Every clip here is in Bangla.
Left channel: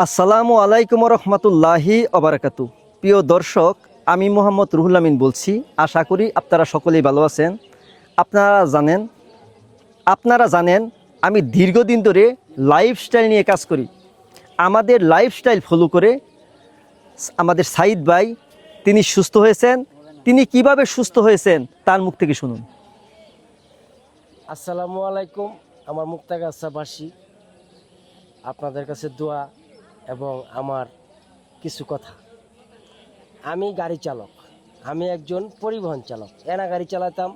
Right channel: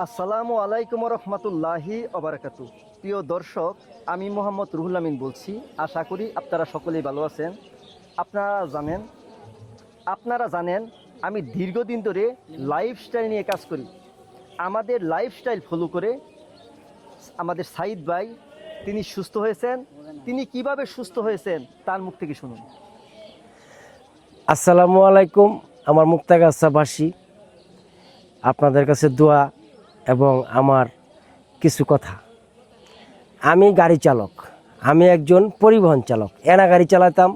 আসসালামু আলাইকুম রহমতুল্লাহি অবরাকাতু প্রিয় দর্শক, আমি মোহাম্মদ রুহুল আমিন বলছি। আশা করি আপনারা সকলেই ভালো আছেন। আপনারা জানেন আপনারা জানেন, আমি দীর্ঘদিন ধরে লাইফস্টাইল নিয়ে কাজ করি। আমাদের লাইফস্টাইল ফলো করে আমাদের সাইদ ভাই, তিনি সুস্থ হয়েছেন। তিনি কীভাবে সুস্থ হয়েছেন, তার মুখ থেকে শুনুন। আসসালামু আলাইকুম, আমার মুক্তাগাছাবাসী আপনাদের কাছে দোয়া এবং আমার কিছু কথা। আমি গাড়ি চালক, আমি একজন পরিবহন চালক। এনা গাড়ি চালাতাম,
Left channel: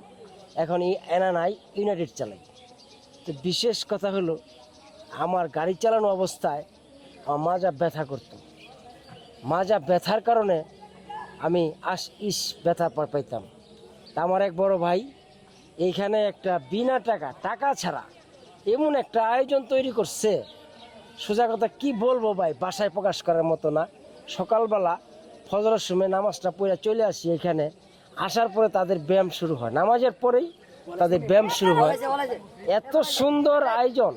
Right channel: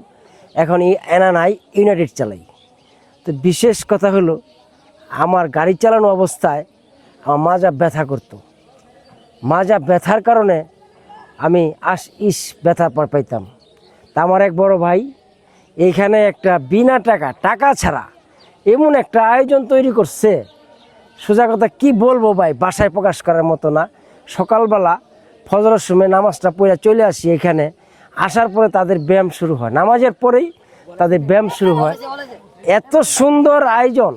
এখন এই এনা নাই, ইউনাইটেড চালাই। তো বিশেষ কথা হলো, আমার গাড়ি চালানো অবস্থায় আমার মাজা ব্যথা করতো। মাজা ব্যথার কারণে আমি আশ ইস ব্যথা পাইতাম। তা আমার এক বড় ভাই এইখানে একটা বিনা টাকা টাকা ছাড়া এমন একটা আয়োজন তৈরি করছে সোজা কথা, কি বলব ভাই? বাসায় প্রকাশ করার মতো না। সকালবেলা ফজরের সময় নামাজটা পড়ে চলে আসি এখানে। আসার পরে তাদের ব্যায়াম শুরু হয়। নামাজের পরেই তাদের ব্যায়াম শুরু হয়। এত সুন্দর আয়োজন।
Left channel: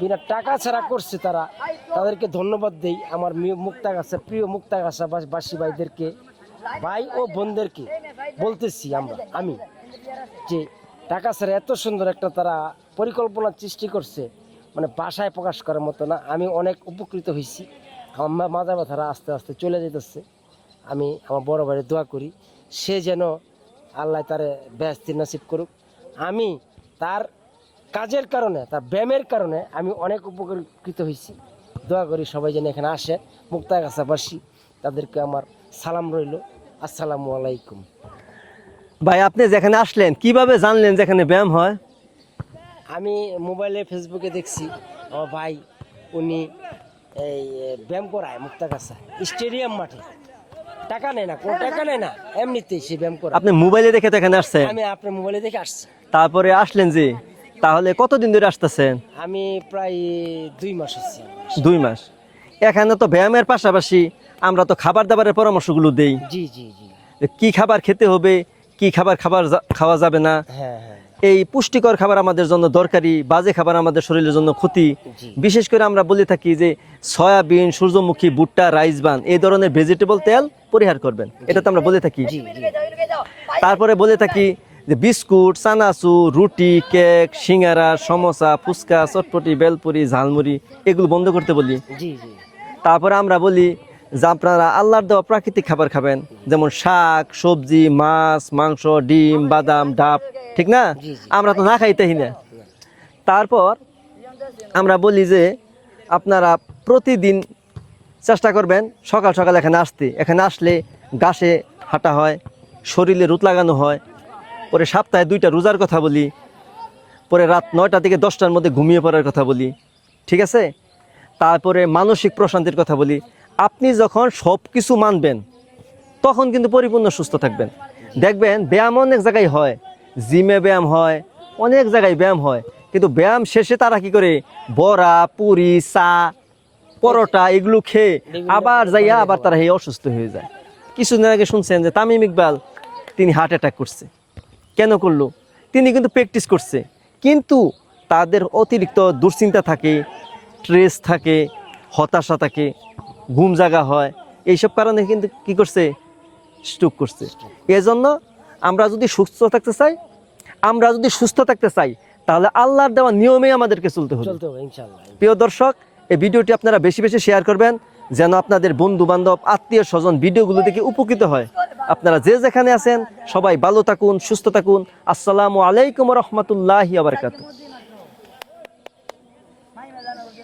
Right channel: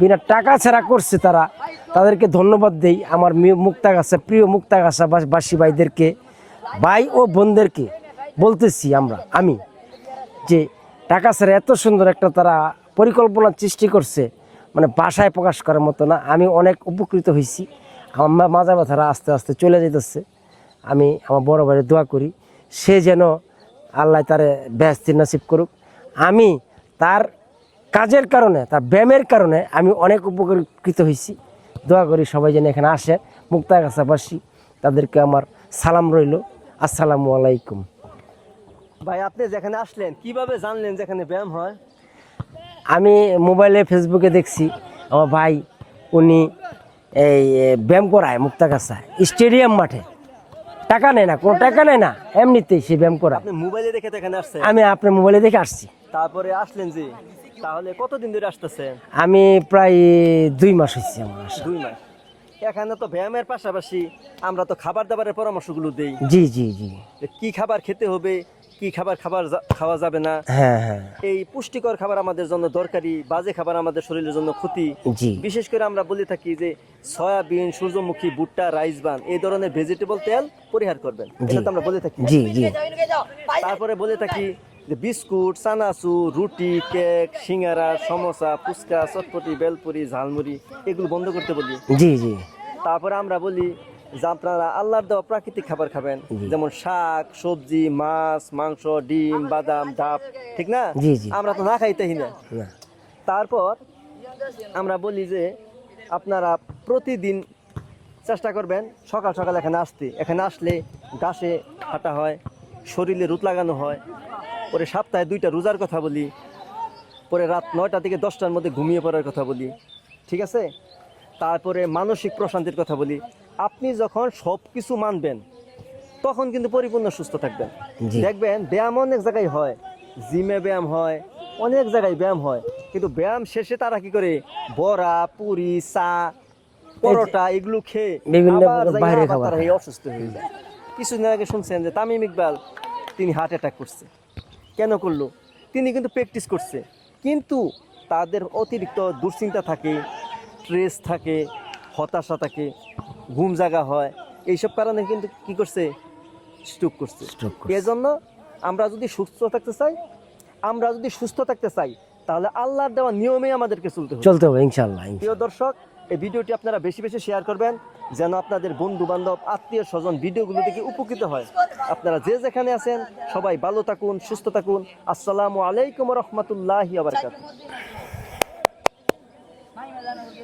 বিনা টাকা ছাড়া করছে তারা। তাদেরকে ধন্যবাদ দেই আমার মুক্তাগাছা, প্রিয় মুক্তাগাছা বাসী ভাইদেরকে। ভাই ও বোনদেরকে বলতেছি আমরা, আমি, যে টাকা ছাড়া এত সুন্দর একটা তারা পরিকল্পনা সৃষ্টি করছে। মানে বাসায় প্রকাশ করার মতো না। আমি অনেক উপকৃত হয়েছি। আমার মাজা ব্যথারা আস্তে আস্তে চলে যেতেছে আমি আমার বড় ভাইয়ের দোয়া করি, সে যেন আল্লাহ তারে ব্যস্তির নাসিব করুক। আমি তার কাজের কারণে, তার ব্যায়ামের কারণে আমি অনেক উপকৃত হয়েছি। দোয়া করি সবাই যেন এখানে আসে। মুক্তা কাছাবাসী তাদেরকে আমার সালাম রইল। আসসালামু আলাইকুম। ভাই, আপনি যেখানে আসলেন, কীভাবে জানলেন যেখানে ব্যায়াম হয়? আমি মোবাইলে ফেসবুকে দেখছি আমার ভাই উনি এই ব্যায়াম করায় মুক্তাগাছায় স্টেডিয়াম মাঠে। টাকা নেয় না কোনো টাকা নেয় না এমনিতেই সে ব্যায়াম করা আপনি মোবাইলে দেখে তো এখানে আসছেন? আমি আপনার মোবাইলে দেখে আসছি। তারপরে আসলেন যে তাহলে কতদিন ধরে আসতেছেন? আমি প্রায় দুই মাস হচ্ছে আমার আসা। দুই মাস। এখানে তো ব্যায়ামের পাশাপাশি আমরা তো খাবার দাবারের পরামর্শগুলো দেই। জি জি জি। কি খাবার খেতে হবে? কি খাবার খাবার খাওয়া যাবে না? হ্যাঁ হ্যাঁ। এই পুষ্টিকর খাবার আমাদের জন্য দরকারি বাজে খাবার আমাদের শরীরের জন্য ক্ষতি। জি। বিশেষ করে আমরা বলে থাকি যে সয়াবিন সূর্যমুখী ভুট্টা রাইস বান এই ধরনের ভেজিটেবল তেল পরিহার করবেন। এটা তো আমরা বলে থাকি। জি জি। তারপরে বলে থাকি যে বিস্কুট চানাচু রুটি কেক সিঙ্গারা সমোসা ফুচকা চটপটি বেলপুরি ঝালমুড়ি এগুলো বন্ধ করতে বলি। জি জি। তারপরে আমরা বলি যে আপনারা আল্লাহর দেওয়া প্রাকৃতিক খাবার খাবেন যেমন শাক সবজি মাছ মাংস ডিম বাদাম ডাব ঠিক না। আমরা তো না খাইতেই না। না। তারপর আমরা বলি যে আপনারা প্রতিদিন চেষ্টা করবেন সকাল সকাল এখানে আসতে। এখানে আসলে গাছে হাঁটা হয় শরীরে রুত লাগানো হয় পরে সপ্তাহে দুইটা রোজার কথা বলি পরে রাত নয়টা থেকে দশটার মধ্যে ঘুমিয়ে পড়ার কথা বলি ঠিক আছে? তারপরে মানসিক প্রশান্তির কথা বলি আপনি যখন সব কিছু মানবেন তখন কিন্তু পরিপূর্ণ সুস্থ থাকবেন। দেখবেন ব্যায়াম অনেক জায়গায় হয়। জিমে ব্যায়াম হয় অনেক জায়গায় ব্যায়াম হয়। কিন্তু ব্যায়াম শেষে তারা কি করে? বড়া পুরি চা পরোটা এগুলো খেয়ে আবার যাইয়া আবার তারা এই অসুস্থ হয়ে যায়। কিছুদিন আগে শুনছেন যে তামিম ইকবাল তিনি হার্ট অ্যাটাক করছে। কেন করল? তিনি কিন্তু প্র্যাকটিস করছে। কিন্তু তাদের অতিরিক্ত দুশ্চিন্তা থাকে স্ট্রেস থাকে হতাশা থাকে ঘুম জাগা হয় এইসব কারণে কিন্তু কি করছে? স্ট্রোক করছে। এজন্য আমরা যদি সুস্থ থাকতে চাই আমরা যদি সুস্থ থাকতে চাই তাহলে আল্লাহর দেওয়া নিয়মে আমাদেরকে চলতে হবে। চলতে হবে ইনশাল্লাহ প্রিয় দর্শক এই ভিডিওটি আপনারা বেশি বেশি শেয়ার করবেন যেন আপনাদের বন্ধু বান্ধব আত্মীয় স্বজন ভিডিওগুলো থেকে উপকৃত হয়। আপনারা যে যেখানে আছেন সবাই ভালো থাকুন সুস্থ থাকুন। আসসালামু আলাইকুম রহমতুল্লাহি আবরকাত